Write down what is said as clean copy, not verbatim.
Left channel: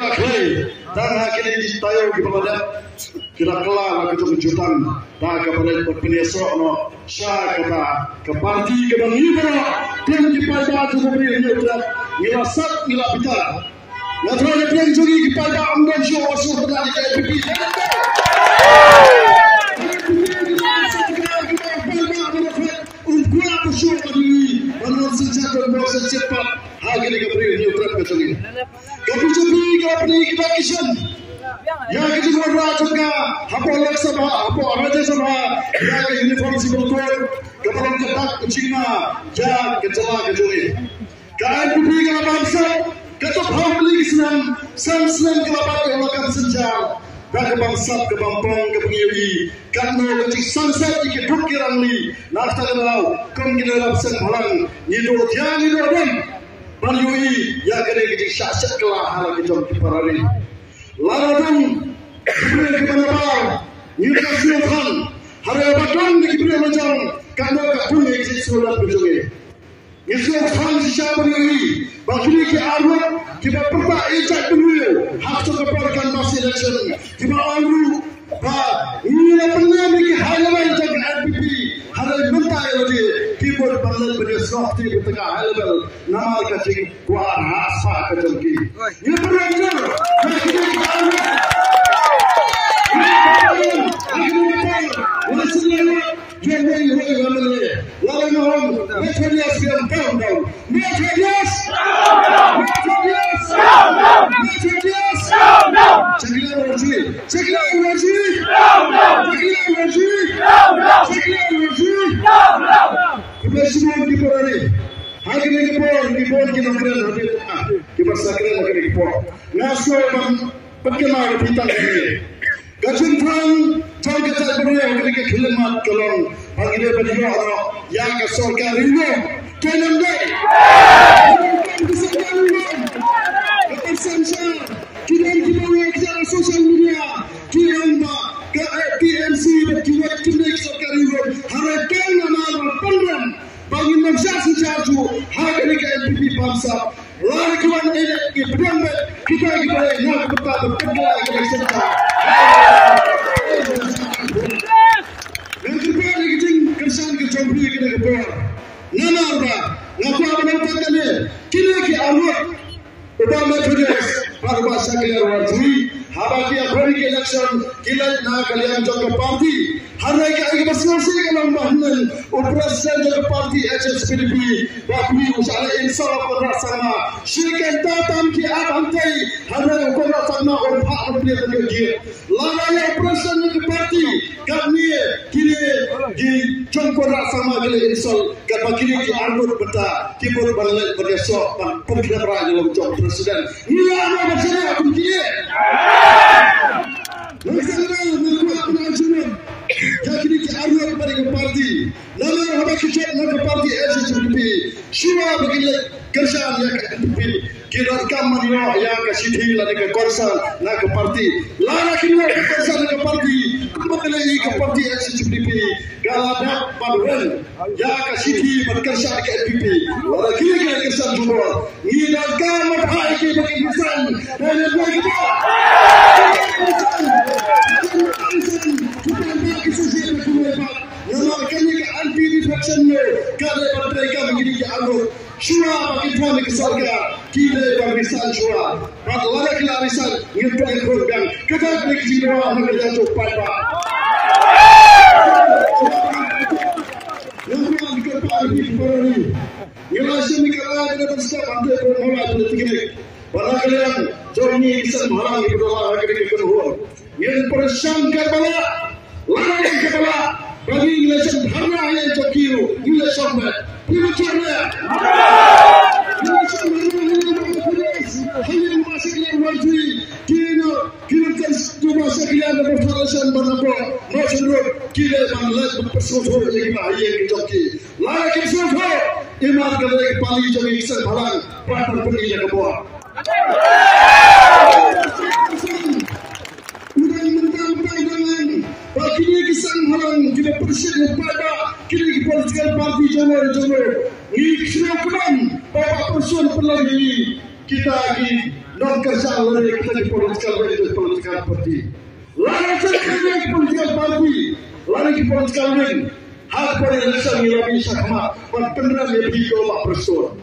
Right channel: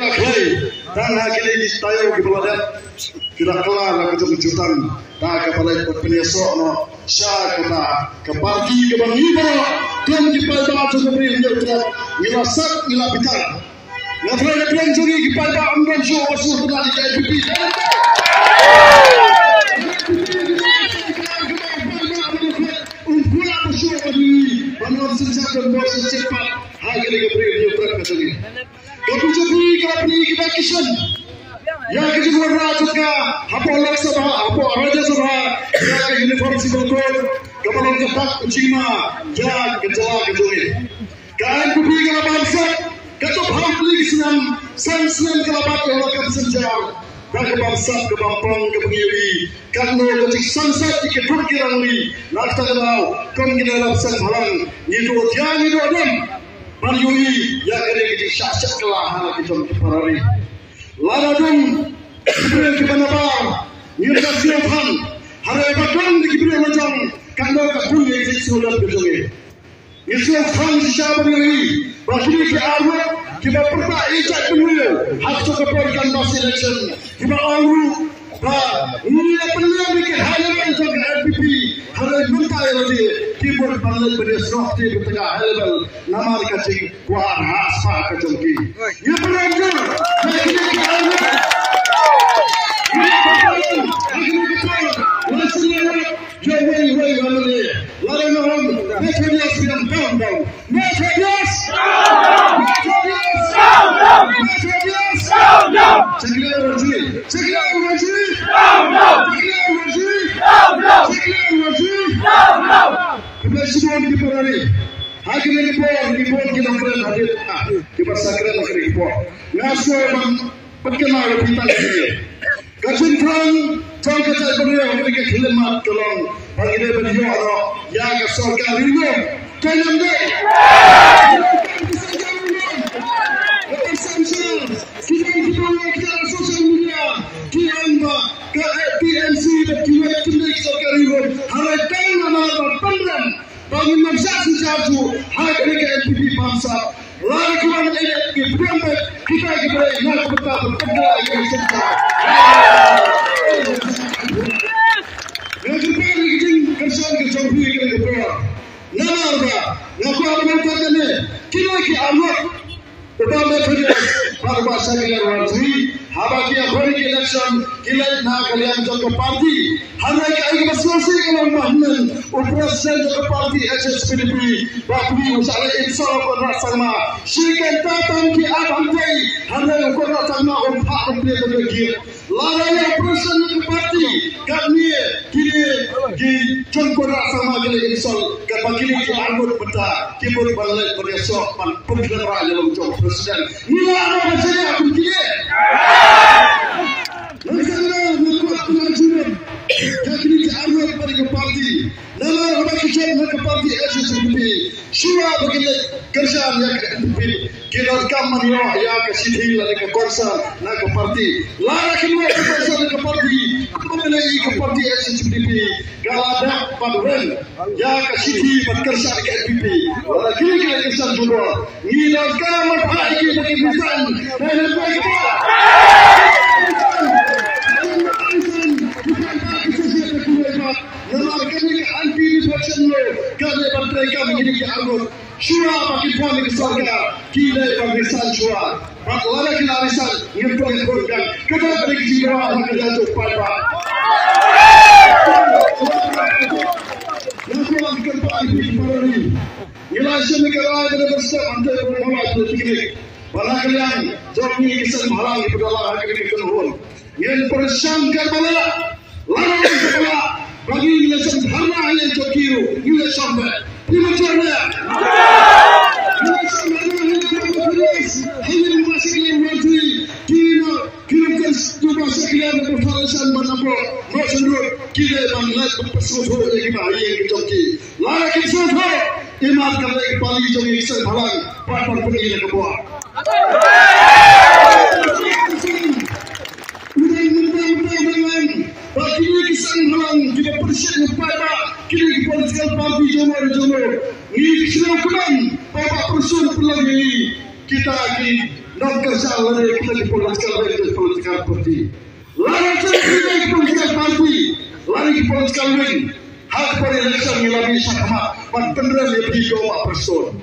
Dan kini tayo kepada kita kelar kejutan tak kepada penyesok no sya kata ke parti ke bang Ibu kum kepada tu beri untuk milasak milapitar ya terus dia juri kepada amdan show asu pada di KPP menurut sejarah bos cepat harga diberi untuk kesini kapujuri kapri kita kisan yang kita berada apa Lok Sabha apa Rajya Sabha yang uniform civil code kepada jabat Cina yang kejala kejuri kan kubri kalau bangsa kata publik senang senang kalau akan sejar dan bangsa ke Bampang ke Pengiwi kan kecik sunset di kedukirang ni nak tahu kau kita lapsan halang itu yang itu adam Banyui yang kena kita syak-syak kelah hal kita parari. Lawan kita kebenaran, kita siapkan hari bakal kita macam kalau kapun ini surat berjaya. Siapkan siapa ini? Bagi kita awak kita perlu ijat dulu. Hak keperluan masa election kita awal. Ini pernah kita haluan untuk RPP haluan bentai lagi. Keyboard panel berdasar di tengah halbal nama kacing kuat rasa kacangki. Ini benar. Presiden di Polri, akhirnya di Polri kita keren hadir, kita sakral akhirnya di Polri. Nasional perkenal bintang ini. Kacintang jangka saya ketika khidmat tolong akhirnya beliau orang yang kesorkan rindu jangan deh. Kita sosial media, kita ke TNC berkiwat kimik sorkan rindu. Harapan nama pengen bagi bangsa sejauh hari ke NPP bangsa. Lakukan ini kita boleh nak betul betul kita secara. Yang kita ingin kerja beli kita betul. Nama apa? Laku apa macam ni? Kita awak utama kerja pada bahasa kita wajib. Habis hari election kita nak kalian jaga parti. Hari ini masih kalau mahal operasi jaga parti HSPDP. Bagi usaha insaf bersama. Syarikat datang ke abantai. Hari ini bersama orang ambil kerja. Lalu operasi jaga parti. Kami kini di jangkau sama kita insaf. Kalau kini di anggota betul. Kita balik berdasar pergerakan dalam job presiden. Ini apa masalah aku kini? Jadi kita pada ke parti. Lalu apa kita ke parti SSPP. Siapa begini kerjaan yang ke NPP. Kita kaman yang ke Siti lagi ke Korsa nak ke parti. Lalu kita ke Korsa ke parti. Mengenai ke parti SSPP. Kalau ada paduan yang ke Siti berkerja ke NPP. Lalu kita ke Kerja juga. Ini kaman hari kita bagi pesan. Dan bagi kita. Syura bagi kami kesorga kita barisan syura kalau kita barisan yang terlihat kita beri jiwa maka jatuh pada yang pulang ke parti Polri ialah semikala kita bersama untuk memulai politik pada kalian jomi kisah menghalangi berdua hari kekenhuan yang bersangka bala lalu segala bagi Malaysia dharma yang terkiru Malaysia ini cerita. Kita lagi nak kerja oleh lagi political party. Lari cakap political party. Lari political wing. Hak pada election yang lebih sama. Pendengar lebih 2%.